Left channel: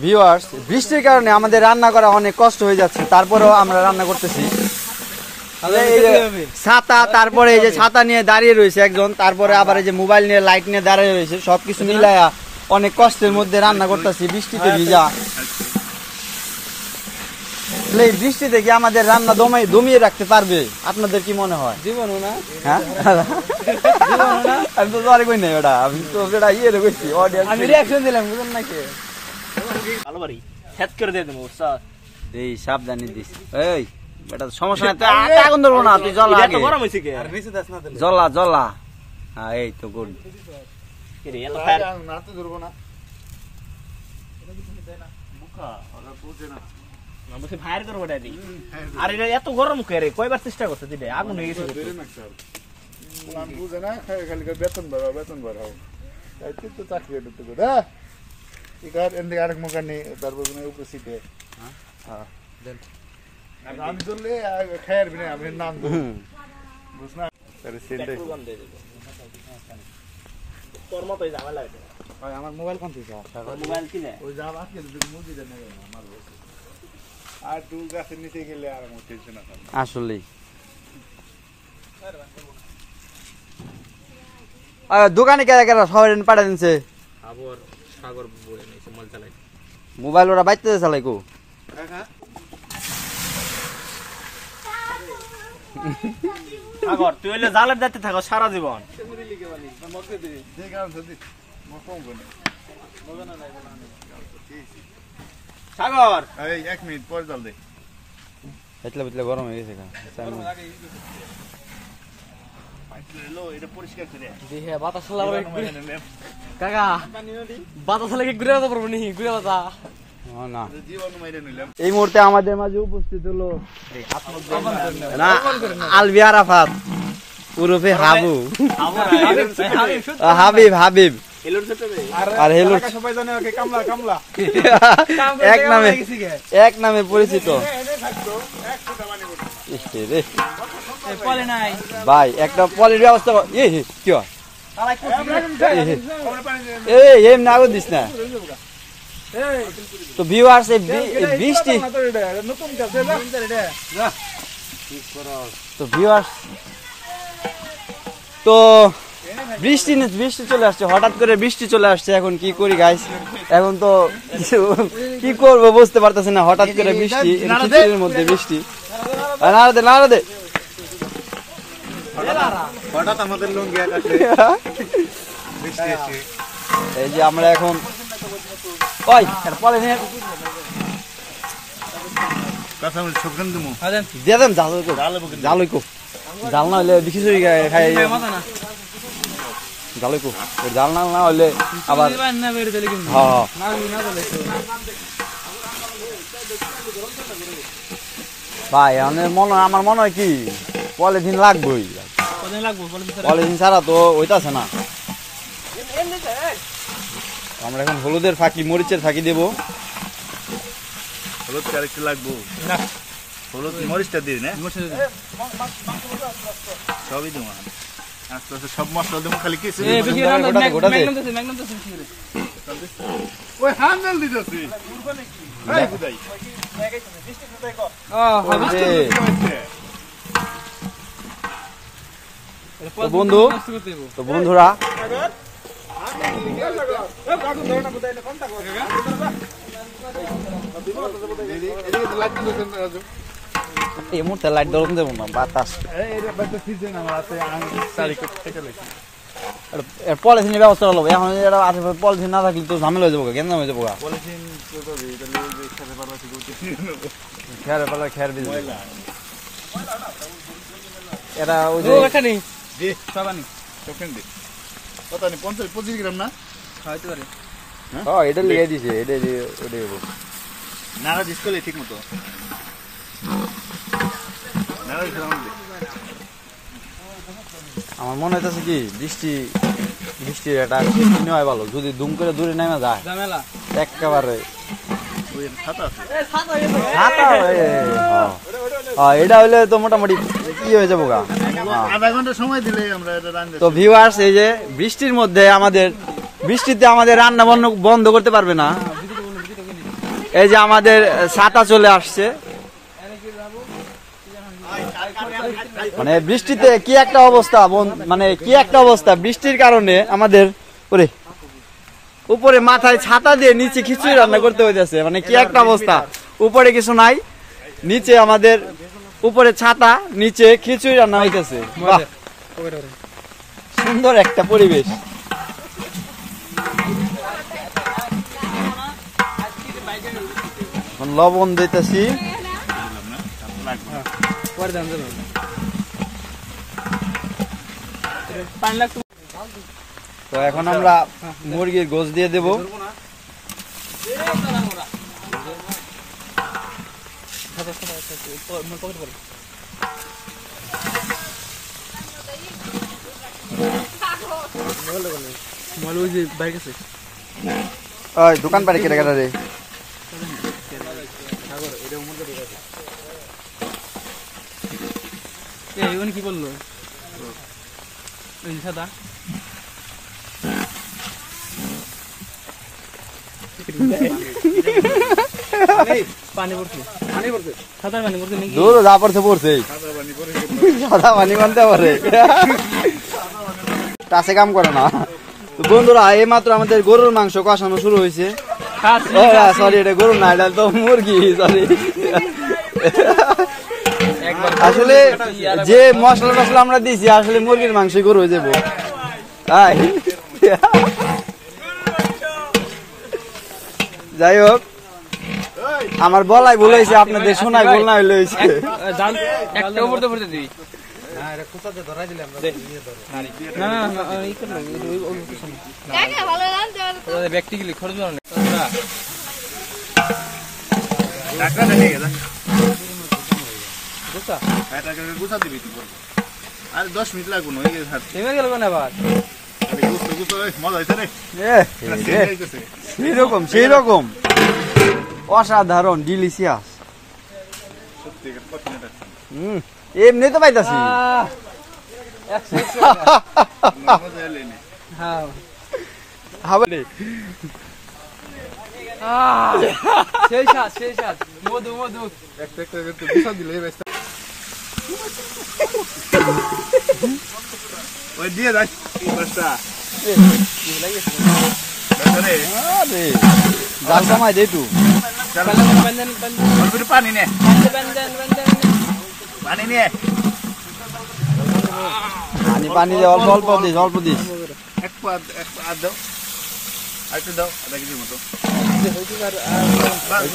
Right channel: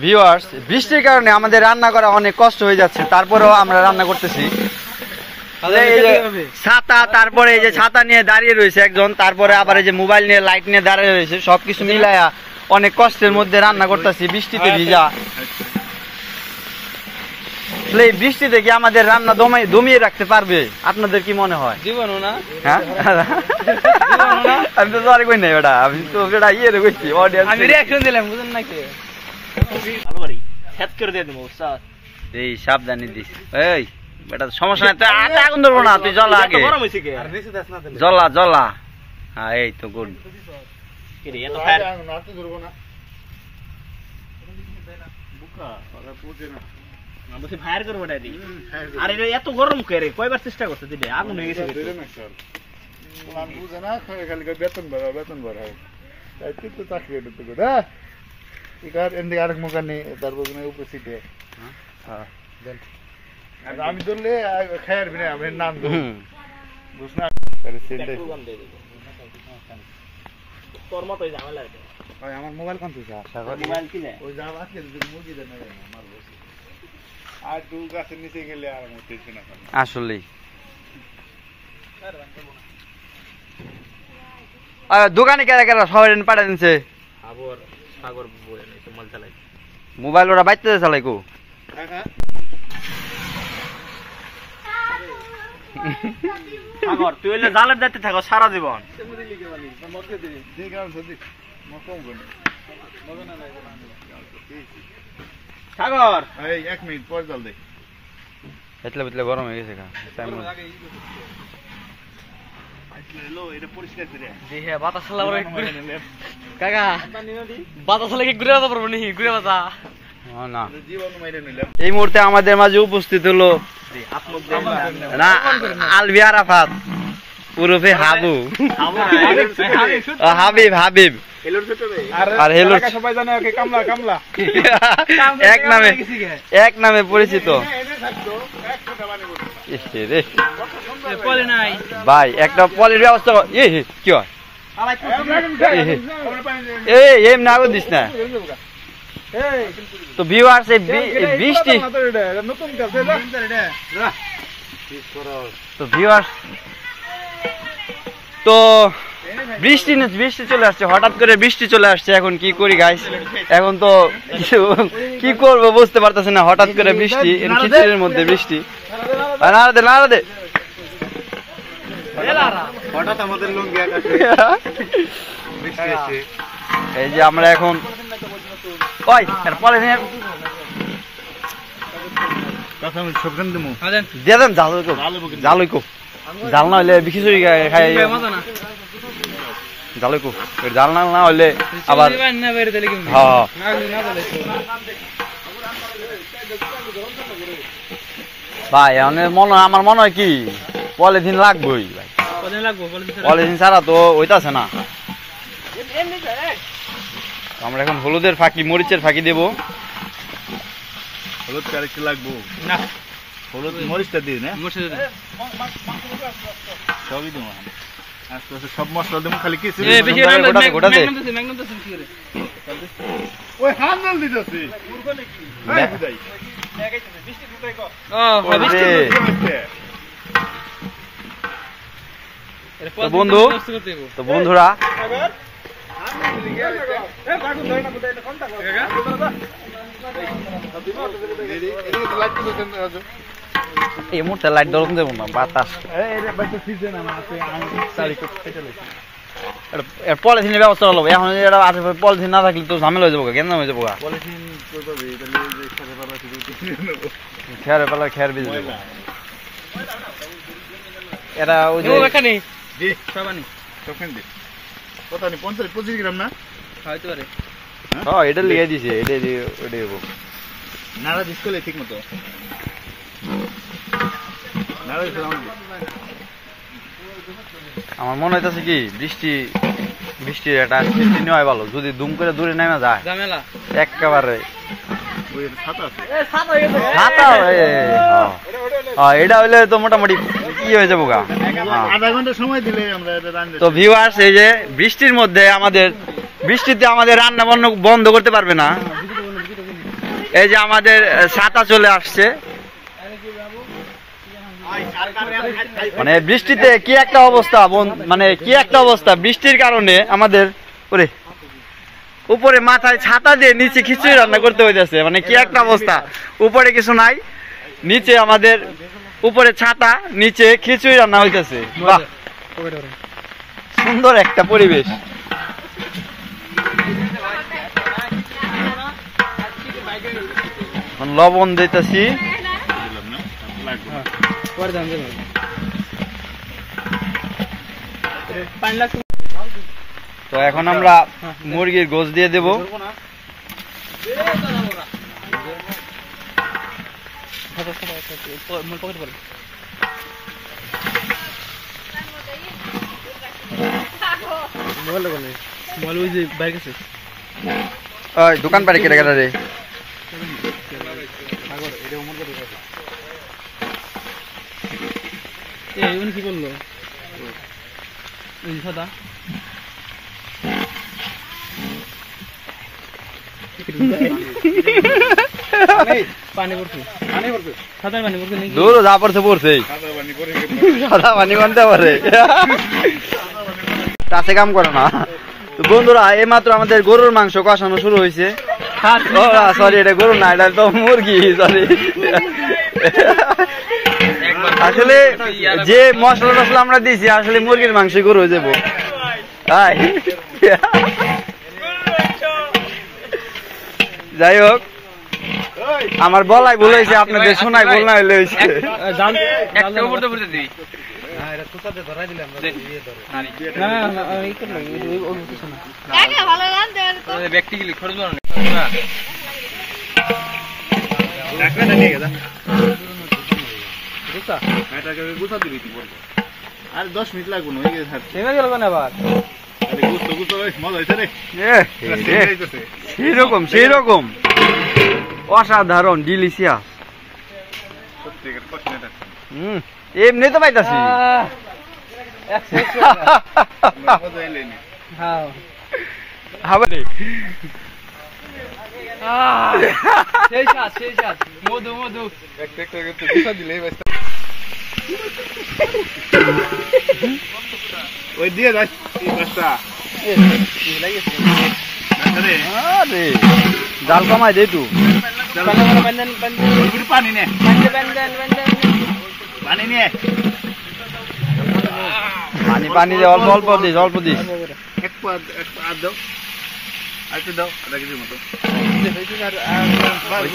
Viewers, বৃষ্টির কারণে আমাদের রান্না করা অনেক কষ্ট হয়ে যাচ্ছে, তারপরেও আমরা রান্না করতেছি। ছাতা, তারপরে এই যে ছাতা নিয়ে দাঁড়িয়ে রয়েছে একজন, তারপরে আবার এই যে মোবাইল নিয়ে লাইট নিয়ে দাঁড়িয়ে রয়েছে, সবকিছু মিলাইয়া অনেক কষ্টের মধ্যে রান্না করতেছি, বৃষ্টিতে ভিজা। এই বৃষ্টিতে কি আমাদের রান্না দমিয়ে রাখতে পারবে? আপনাদের কি মনে হয়? জীবনও না। হ্যাঁ, আমি তো সরি কই নাই বেটা, আমি তো বেটা ইয়ে রে কইছি, অডিয়েন্স আমি রিঅ্যাকশন দিলাম, বুঝেন না কি? ভালো বাড়ি হেড করে দিয়ে দেবো স্যার। এই সাবধানে দিস। এই বেটা সমস্যা নাই, তুই আগুন ধরবো না, তুই জ্বলা আগে, জ্বলা জ্বলা। হ্যাঁ এই তো গুড। কি রে এত ফায়ার না তো ধরবো না। বলছি ফায়ার করবো এটা দিই। আর এটা এত গরম করে কয়বার চেষ্টা করছে দিলে আগুন হয়ে গেছে। আমি বুঝে না খালি বেতন বাড়াও তাই তো চাকরি ঢুকতে করে এটার এমনি আরেক মোকানি তারপর উপর সিটে। হ্যাঁ আমি ধরলে খায়ার বিনা আমি নাম বুঝ না তোর মতোই ঝামেলা এটা। আমার মোবাইল কোন তুই মোবাইল কিনে ওই যা আজকে মুগি দেন না আমার আর দু গাছের নিচে গেলে আর আমার টেনশন আছে আসলে। দোকানে কেরা কেরা সবাই পাঠা দিনছে মোবাইল, ওরা বাইতে চালাই কো সাগর তুই হইলে জালের দায়িত্বে থাকো সারা জীবন। সাগর এই 1 মিনিট পর জল দে, এতলে বুতলে গরম হয়ে গেছে। পরিষ্কার করে দেখে বাতাস লাগবে কাকা, বাতাস লাগে ঘুরে বাতা পারবো নি, ঘুরে বাতা না। এই মুহূর্তে আমাদের মাঝে উপস্থিত হলো না আলবি আরাফাত ওরফে হাবু, হাবিব হাবিব, আর হেলো সবাই জানে ওকে কামলা কামলা এক নামে পরিচিত। ভাই একটা পলির ব্যবস্থা কি হয়? এমনি আগুন দিস না। তো ভিউয়ার্স, বৃষ্টি তো ভিউয়ার্স তো বৃষ্টি চলে আসছে, হঠাৎ করে বৃষ্টি চলে আসছে। এখন কি করি গাইস? এখন তো কি করবো বুঝতে পারতেছি না, হঠাৎ করে বৃষ্টি, খিচুড়ির মধ্যে বৃষ্টি। নাড়া দে হঠাৎ আমাদের লুঙ্গি বৃষ্টি এসে এই যে আমরা এখন ওই পলিথিনের কাঁচামরিচ সবখান দিমু দিয়ে দেন, জালই কো জাল না হইলে খিচুড়ি খাই, জালই কো জাল না হইলে আবার হ্যাঁ। ভাই আমার মনে হয় কি পলিথিন লাগবেই ভাই, পলিথিন ছাড়া তো হইতাছে না। আমরা এখন হলুদের ফাঁকি, মরিচের ফাঁকি দেব। হলুদ আরেকটু লাগবো, হলুদ মরিচটা দিই না, সবই দেবো আস্তে আস্তে, সব মশলা দেবো, খালি কিছু ওই হ্যান্ডেল দিতেছি তো বন্ধুরা এই মুহূর্তে লাইট ধরুন দেবো না, বাতাস পলিথিনের ব্যবস্থা হলো। এখন পলিথিন না থাকলে তো ঝামেলা হয়ে যাবো, কেন হয়ে যাবো, খেয়ার পালা খেয়ার বিজ এটা ওই যে 50-25 গ্রাম না হয়তো পারে। হ্যাঁ এটা লিখে দিছে, এটা ওটাই নাড়া দিস করলে ঠিক মতো নাড়া দিস। আমার মনে হইতেছে কি বৃষ্টির একটা সৃষ্টি নেওয়া ভালো, যদি দুম করে দূরে নেমে যায় একেবারে এটা হইলে তো মোটামুটি কি হয়ে যাবো গা। আধা ঘন্টা সময় দিলে আমরা তো ভিউয়ার্স, এই যে বৃষ্টির মধ্যে বৃষ্টিতে আমাদের রান্না বন্ধ করতে পারবে না, এই যে আমাদের ছাতা চলে আসছে। মানে বৃষ্টিতে কি একটা অবস্থা, মানে কি একটা অবস্থা বৃষ্টির কারণে আমাদের উপরে মাথায় ছাতা দিয়ে নিচে খিচুড়ি রান্না করতে হইতেছে। মানে কি একটা অবস্থা, উপরে কিছু নাই, নিচে আমাদের উপরে ছাতা, নিচে খিচুড়ি রান্না হইতেছে। বাহ, সুন্দর একটা পরিবেশ। লবণ দিতেছি। তো এখন আমরা মুরগির গোশ দিয়ে দেব। দোকান পাড়ে কেটে কেটে রে কি বললো সাদা পানি পড়ছে, সাদা পানি পড়ছে নাকি? দূর যা পড়ছে পড়ছে, সাদা পানি কোনটা পড়ে, কাছে কাম করে না। তো বন্ধুরা, এই মাত্র আমাদের গরুর মাংস কষানো শুরু হয়েছে। ও সরি, এটা গরু না, এটা তো মুরগি, সরি। আসলে যে মশলা টসলা আমরা দিয়েছি, আসলে মুরগির মাংস গরু হয়ে যাবো। যাই হোক, আমার বলাই ভুল হয়েছে, আপনাদের শোনাই ভুল না হইলে হয়েছে। আর 10 মিনিট লাগবো না, হয়ে গেছে। মজা হয়েছে রে, সেইরকম সেইরকম অসাধারণ, ডিলিশিয়াস। এমনি তো পাইতাছি। মধু মধু ওই দিয়ে যাই জাল কমাই দে তু, পানি নে, পানি নে, পানি পানি দে, অল্প অল্প দিস, অল্প দিস। এক পা আর দাও, আর একটু দাও, আধা কেজির মতো।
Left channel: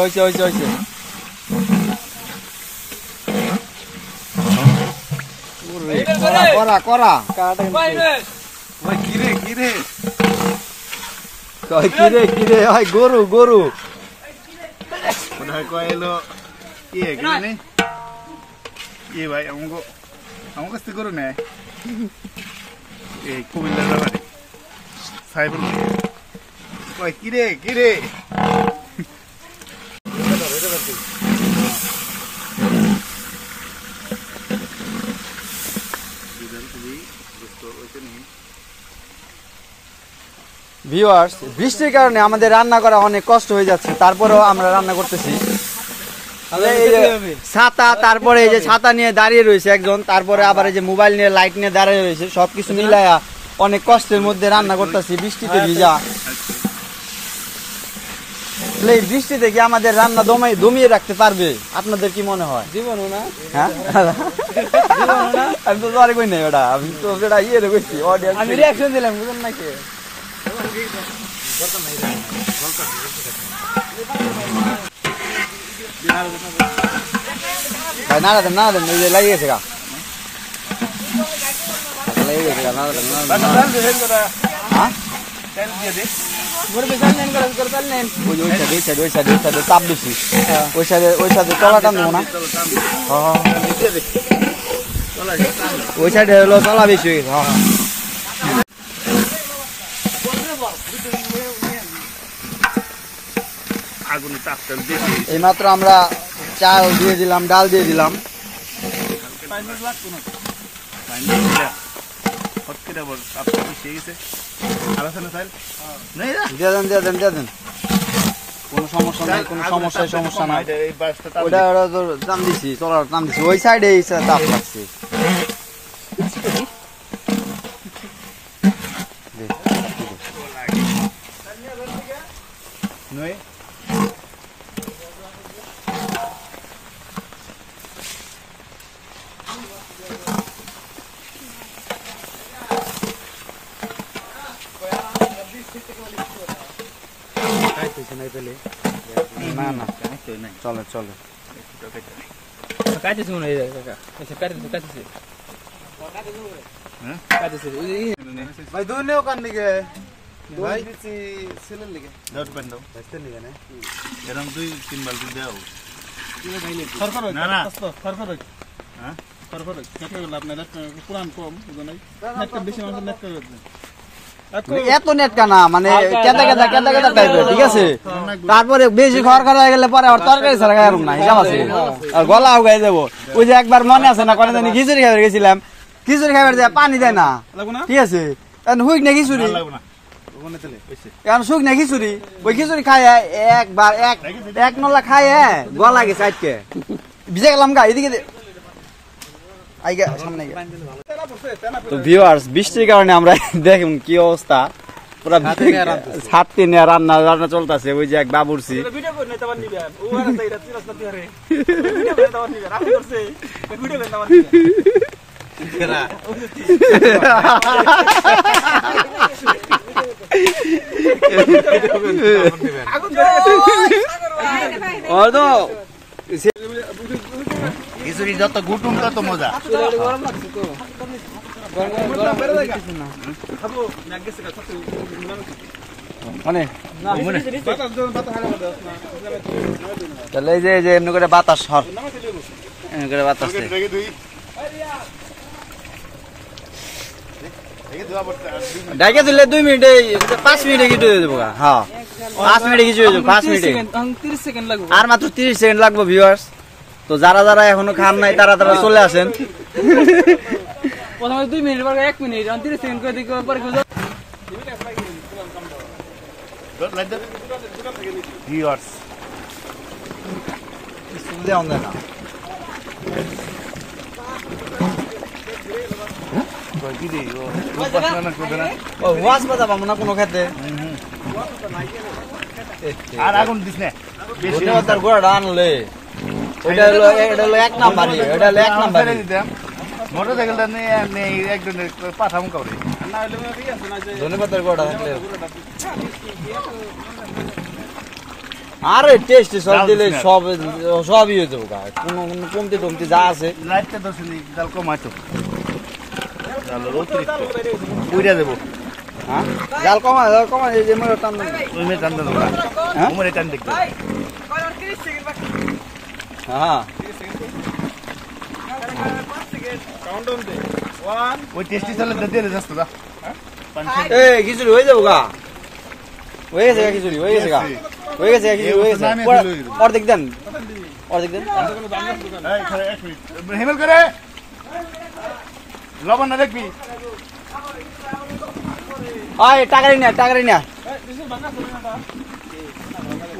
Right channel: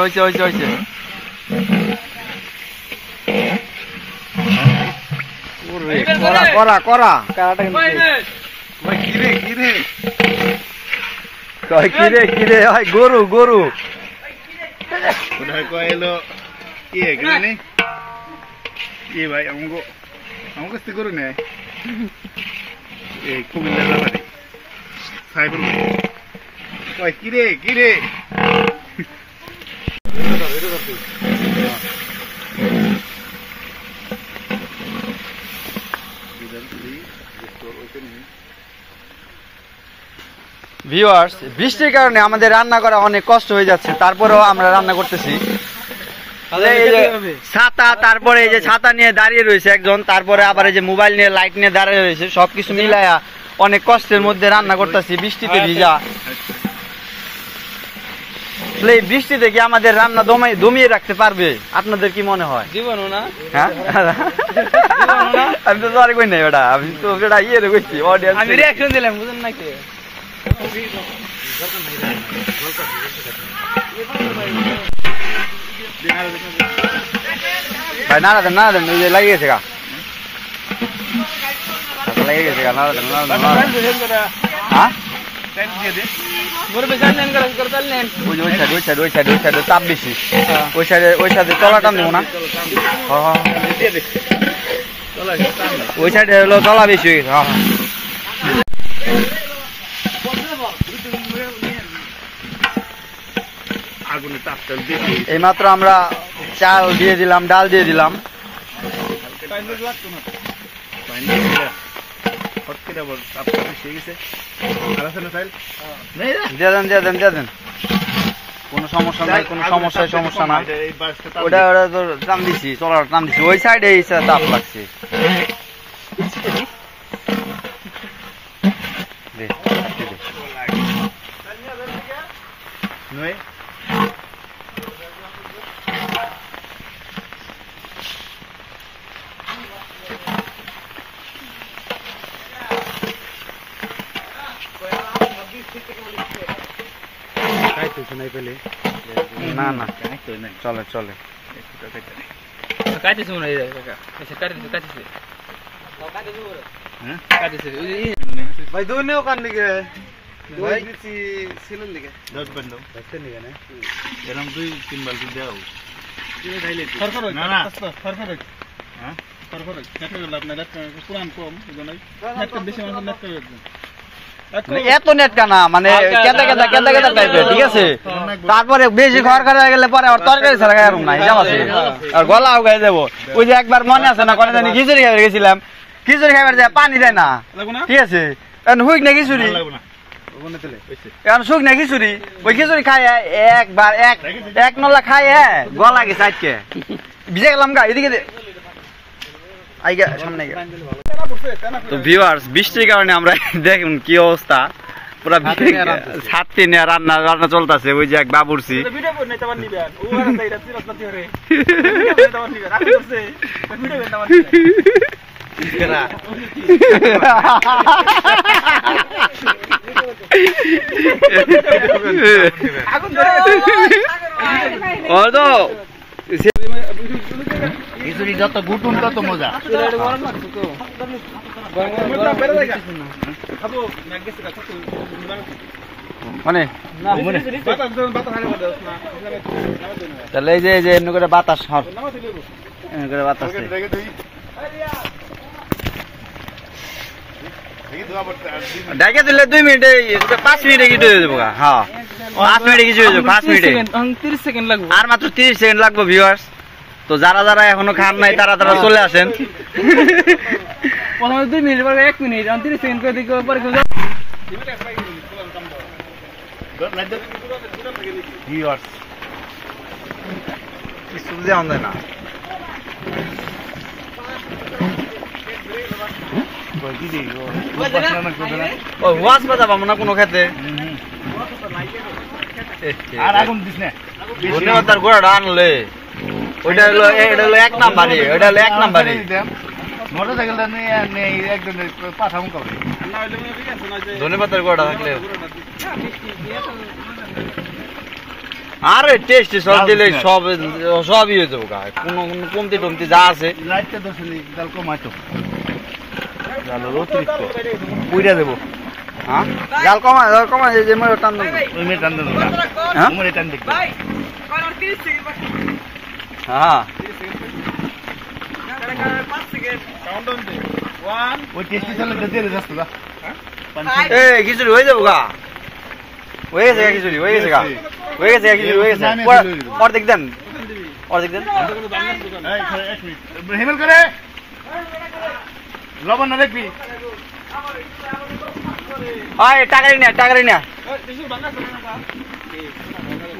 হয়েছে হয়েছে হয়েছে। করা করা করা, কিরে কিরে কিরে কিরে, হয় গরু গরু। কয়েলো কি নেই কি ভাই, আমার কাছ থেকে গরু নেয় এই কুমিল্লার ব্যাপারে সাইবুল কয় কিরে কিরে। ভিউয়ার্স, বৃষ্টির কারণে আমাদের রান্না করা অনেক কষ্ট হয়ে যাচ্ছে, তারপরেও আমরা রান্না করতেছি। এই যে ছাতা, তারপরে এই যে ছাতা নিয়ে দাঁড়িয়ে রয়েছে একজন, তারপরে আবার এই যে মোবাইল নিয়ে লাইট নিয়ে দাঁড়িয়ে রয়েছে, সবকিছু মিলাইয়া অনেক কষ্টের মধ্যে রান্না করতেছি, বৃষ্টিতে ভিজা। এই বৃষ্টিতে কি আমাদের রান্না দমিয়ে রাখতে পারবে, আপনাদের কি মনে হয়? জীবনও না, হ্যাঁ আমি তো আর কই নাই বেটা, আমি তো বেটা ইয়ে রে কইছি, অডিয়েন্স আমি রিঅ্যাকশন দিলাম, বুঝেন নাকি? ভাই নাড়া দেন নাড়া দেন, ওই যে লাগিয়ে গেছে গা, লেগে গেছে গা, নাড়া দেন নাড়া দেন। হ্যাঁ ওই সাইডে চাপ বেশি, ওই সাইডে তলাটা নেবো না, ওই সাইডে হলো তলা বেশি হয়ে গেছে। এই মাত্র আমরা চাল দিয়ে দিলাম, ডাল দিয়ে দিলাম। দিয়ে দেন দিয়ে দেন দিয়ে দেন। কোনো সমস্যা নাই, কোনো সমস্যায় সমস্যা না। এই বাসটা টান ওটা ওটা তো টান দিছি, চলার টান দিছি, ওই সাইডে তাপ লাগছে। দে, দে, দে। নয় না না চলে চলে। কাটিছে মনে হয় কাকা, আচ্ছা কাটিছে কাটিছে হ্যাঁ? কাটিছে ভাই দুই নেও কান দিকে ভাই ছেলের লিগে 10 বান্ড দাও আজকের লিগে না এরকম 2-3 বালতি দাও খরখর না না খরখর হ্যাঁ খরখর নেট করে লাভ নাই, নেট পুরান কম বুঝো নাই, নেট বেশি মানুষ নেট করে এত নেট কানা মানে কেদা কেদা কেদা কেদা টাইপের, ঠিক আছে। তারপরে বেশি খড় হয়ে গেলে পরে আর তরকারি ছাড়া খাই না, হিসাব আছে। আর গলা উগাই যাবো। ওই যে একবার মনে আছে না, কোনে জানি খিচুড়ি খাইবার গেছিলাম, খিচুড়ি খাইবার যায় পানি দেয় না, লাগবো না ঠিক আছে। এখন হুইক না খিচুড়ি, লাগবে না এখন শুক না খিচুড়ি, ওই খিচুড়ি খাই একবার এক নলা খাই গলা গেছে আজকে ভিজে গেলাম গা এদিকে আইগা সামনে গা। তো ভিউয়ার্স বৃষ্টির কারণে আমরা দেখুন কি অবস্থা, পুরা ছাত্রী নিয়ে রান্না রান্না চলতেছে। ওই যে এক বাবুরছি ভিডিও করে নিতে পারবি নিবেন ও রাস্তা এটা তিরাস না দিরে ভিডিও করে নিতে পারবি নিবেন রাখি করছে ভিডিও করে নিতে পারবি আগুন ও তো খিচুড়ি যত গুটুম তত মজা মোটা বেরে দেখা খাবো নেক গেছে কথা তো মানে বাতাস দেন বাতাস হালে বাতাস না তাহলে এই যে এমনি করে বাতাস হর এমনি করে বাতাস দেয়। দেখে তুই দেখি দুয়া পড়তে ডাকে দিলে 2 মিনিটে 5 মিনিটে কিছু হয়ে যাবো গা। হ্যাঁ 5 মিনিটে কিছু হয়ে যাবে, 5 মিনিটে 30 সেকেন্ড লাগবে। আর মাত্র 30 সেকেন্ড লাগবে ভিউয়ার্স। তো যারা যারা এখনো খান নাই তারা তারা চলে আসেন। প্রথমে 2 মিনিট পরে 1 মিনিট 30 সেকেন্ড করে দিকে পরে Good, like that. Viewers. কিছু দেওয়া যায় না। কই কি দি ও বাসনা না করে না ও ওয়াজ বাজাবো না কোনো খেতে। আর আগুন দিস না ধন্যবাদ তার গোড়াটা আনলে। ওইটা হলো এটা হলো 1 নাম্বারই, ওইটা হলো 1 নাম্বারই। মোটরসাইকেলটা নিয়ে নেই একজন পাঠাম করে ধন্যবাদ তার গোড়াটা থাকলে আরে টেস্ট সব দিলে সব সবই হয়ে যাবো গা। কোনো কমতি টমতি যা আছে লাইটটা তো শুনি জাল কমাইছো জাল অতিরিক্ত পুইরা দেব হ্যাঁ জাল কমা এই যে মই টান দেব ওই মে টান দেব না হ্যাঁ উমরে টান দেখো হ্যাঁ ওই টেস্টি সালাদ দিয়ে দে যাস্ত দা এই খিচুড়ি হয়ে যাবো গা। হয়ে গেছে গা খিচুড়ি, হয়ে গেছে গা, হয়ে গেছে গা খিচুড়ি, হয়ে গেছে। অর্ধেক দেন, অর্ধেক দেন। এই খারে 1 মিনিট হেমেল করে লবণ না দেখবি আয় টাকারি না টাকারি না।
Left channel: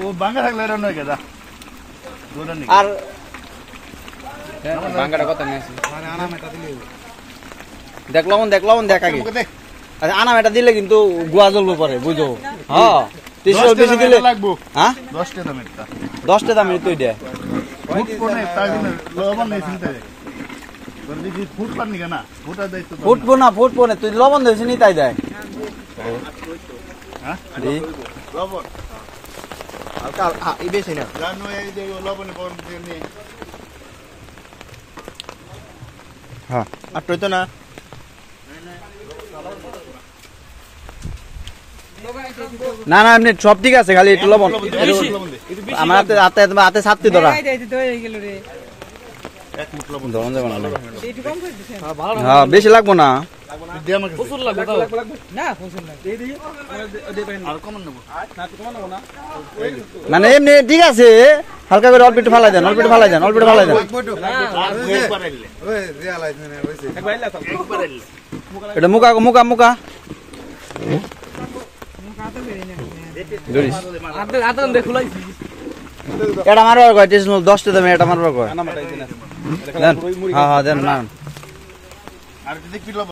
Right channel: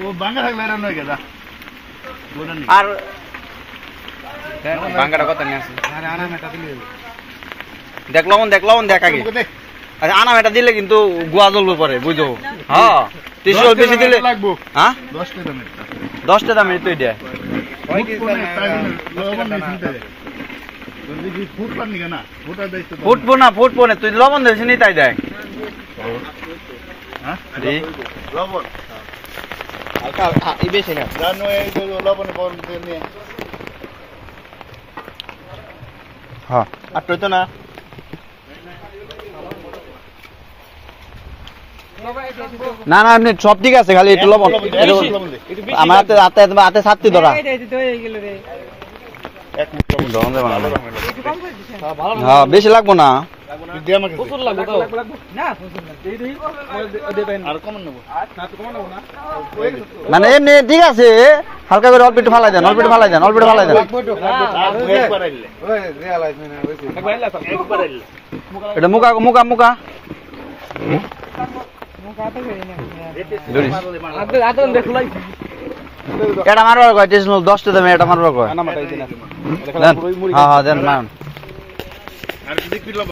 ও বাঙ্গা থাকলে এর নয় গেদা দোনা নি আর বাঙ্গাটা কত নিয়ে আসে দেখলাম দেখ আগে। আচ্ছা আনাম এটা দিলে কিন্তু গুয়া জ্বলবে পরে বুঝো। হ্যাঁ 300 বেশি দিলে লাগবো হ্যাঁ 10 টাকা দামের 10 টাকা দামের তো এটা ফুট কোনে তাই লবণ নেই শুনতে যদি কি ফুট পানি কেনা ফুটা দাইতো ফুটবো না তুই লবণ দিস নি তাই দেখ। হ্যাঁ দি লবণ হালকা এই বেশি না জানো এই যে লবণ কোন নিয়ে হ্যাঁ আর তো না না না এমনি সব ঠিক আছে, খালি একটু লবণ আমার হাতে হাতে হাতে ছাত্রী ধরা লবণ দেবো না। হ্যাঁ বেশি লাগবো না। দে আমাকে প্রচুর লাগবে তো না প্রচুর না আর কম নেব মানে এমনি ঠিক আছে, হালকা করে অল্প একটু ফালাই দেন, অল্প একটু ফালাই দেন, অল্প একটু ফালাই দেন। এটা মুকা মুকা মুকা এটা মারবার কয় 10টা দামে এটা মারবার কয় না মাথায় দিন দেন হ্যাঁ হ্যাঁ দেন না আর কি দেখবি